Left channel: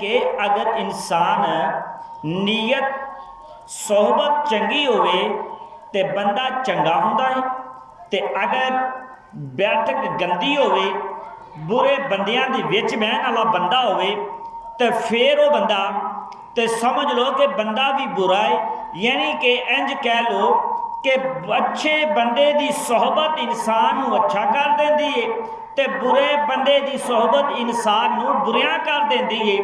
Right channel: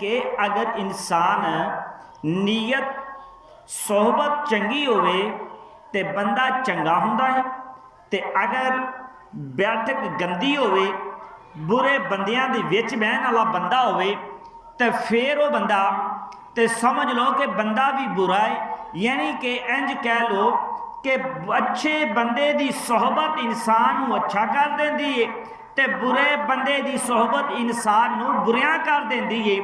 कि अगर इंसान नीयत सोहबत चंगी होवे ते बंदा चंगा हुंदा है, ते अगर बैठक गंदी होवे, बुरे बंदियां दे विच बहन वाला बंदा होवे तो फिर वो बंदा तो समझ लो कि बंदा भी बुरा है। यानी कि इंज कह लो कि अच्छे बंदे की सोहबत इंसान को अच्छा कर देती है, तो बुरे बंदे की सोहबत इंसान को बुरिया कर देती है।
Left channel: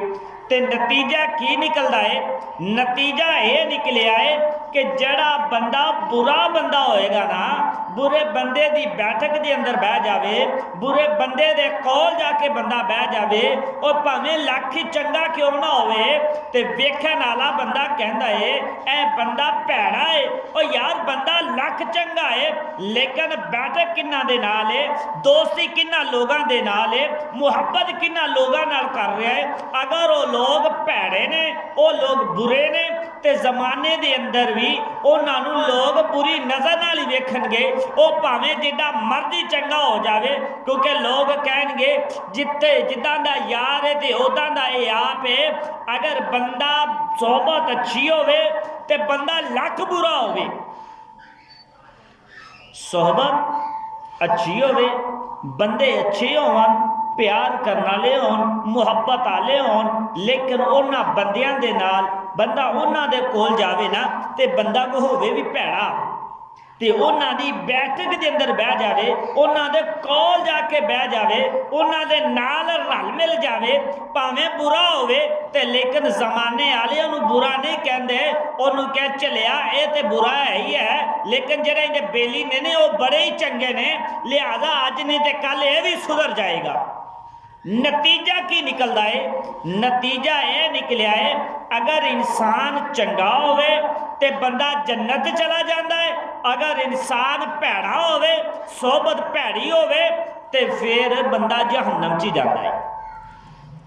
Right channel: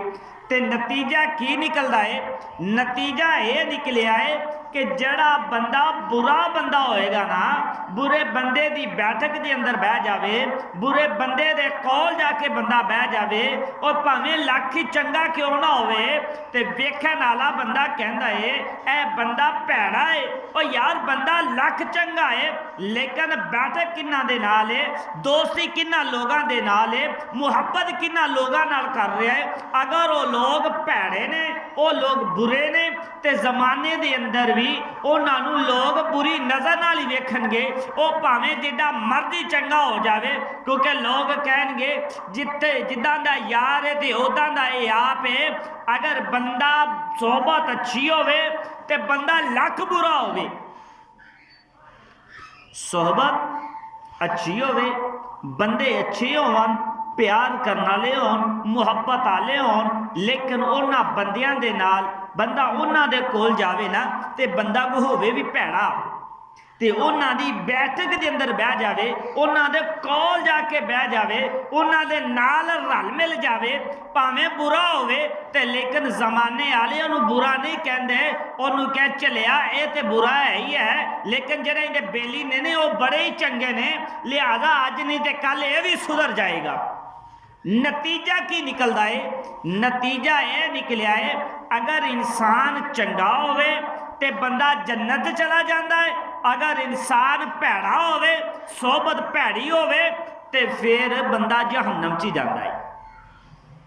तो नतीजा की निकलता है? नतीजा ये निकलिया है कि जड़ा बंदा बुरा बंदा होएगा ना, बुरे बंदे की बैठक के अंदर बह जावे, बुरे बंदे दे कोल जाके बंदा बह जावे, और भावें लख ही चंगा क्यों ना होवे, ते वेखण वाला बंदा कहंदा है ए बंदा भैड़ा है। और यार बंदा लख चंगा है, लेकिन बैठक किन्ना दे नाल है, दोस्ती किन्ना लोगां दे नाल है, मुहब्बत किन्ना लोगां नाल कर रहा है। अगर वो लोग भैड़े ने, वो लोग बुरे ने, ते जमाने दे अंदर भी उन्होंने लोग बुरी नज़र नाल ही वेखणगे, वो भावें जिद्दां मर्जी चंगा हो जावे, क्योंकि लोग कहणगे जिथे जिद्दां दा यार है ते उदां दा ये आप है। अगर बंदा सोहबत अच्छी होवे ते बंदा लख बुरा होवे, सोहबत अच्छी होवे, बंदे अच्छे होवन, प्यार करने वाले होन, मुहब्बत वाले होन, लेकिन उन्हां बंदियां दे नाल बंदा उन्हां दे कोल जावे ना, ते बंदा को होवे भी भैड़ा, ते उन्हां दी बैठक दे अंदर बह जावे, उन्हां दे कोल जाके बह जावे, उन्हां दे नाल रल मिल जावे, भावें बुरा होवे ते लेकिन जमाने वाले उन्हें बुरा नहीं कहते, उन्होंने कह चलिया ये तो बुरा है ही है, लेकिन जेडे इहदे बेली ने वो बड़े ही चंगे ने, लिहाजा अज नहीं तो कल ये भी सुधर जाएगा। नतीजा की निकलता है? नतीजा यह निकलिया है अगर इंसान चंगा होवे ते बंदा जन्नत चला जाता है, अगर इंसान भैड़ा होवे, सोहबत भैड़ी होवे, ते फिर बंदा जहन्नम च जाता है।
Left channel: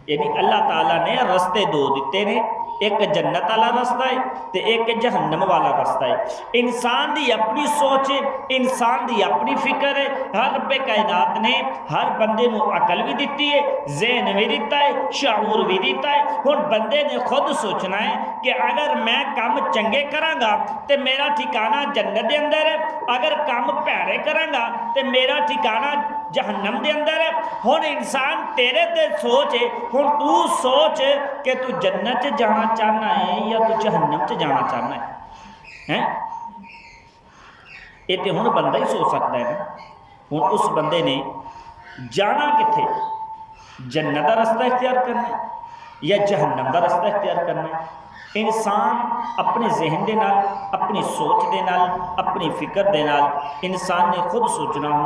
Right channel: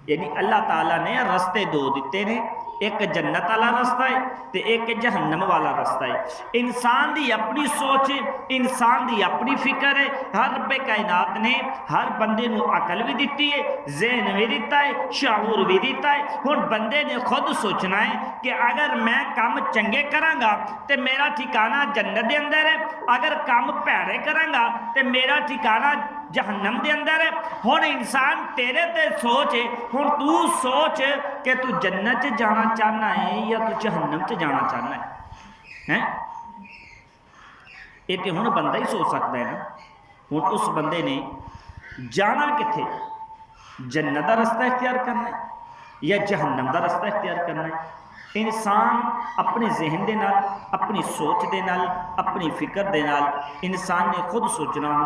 यानी अल्लाह ताला ने रस्ते दो दिते ने, एक जन्नत वाला रास्ता है तो एक जहन्नम वाला रास्ता है। इंसान की अपनी सोच है, इंसान की अपनी फिक्र है। हर रब्बे कायनात ने हर बंदे को अकल भी दी है, जहन भी दिता है, शाऊर भी दिता है। हुण बंदे ने खुद सोचना है कि अगर मैं काम चंगे करांगा तो मेरा ठिकाना जन्नत के अंदर है, अगर काम भैड़े करांगा तो मेरा ठिकाना जहन्नम के अंदर है। हुण इंसान तेरे ते सोच है, हुण तू सोच कि तू जन्नत च जाना चाहना है या तू जहन्नम च जाना चाहना है? ये तो हुण बंदा ही सोच सकता है ना। हुण उस बंदे ने जाना किथे, जन्नत का रास्ता इख्तियार करना है या जहन्नम का रास्ता इख्तियार करना है? इंसान अपने जहन के नाल, अपनी सोच के नाल, अपनी फिक्र के नाल इंसान ने खुद सोचना होंदा।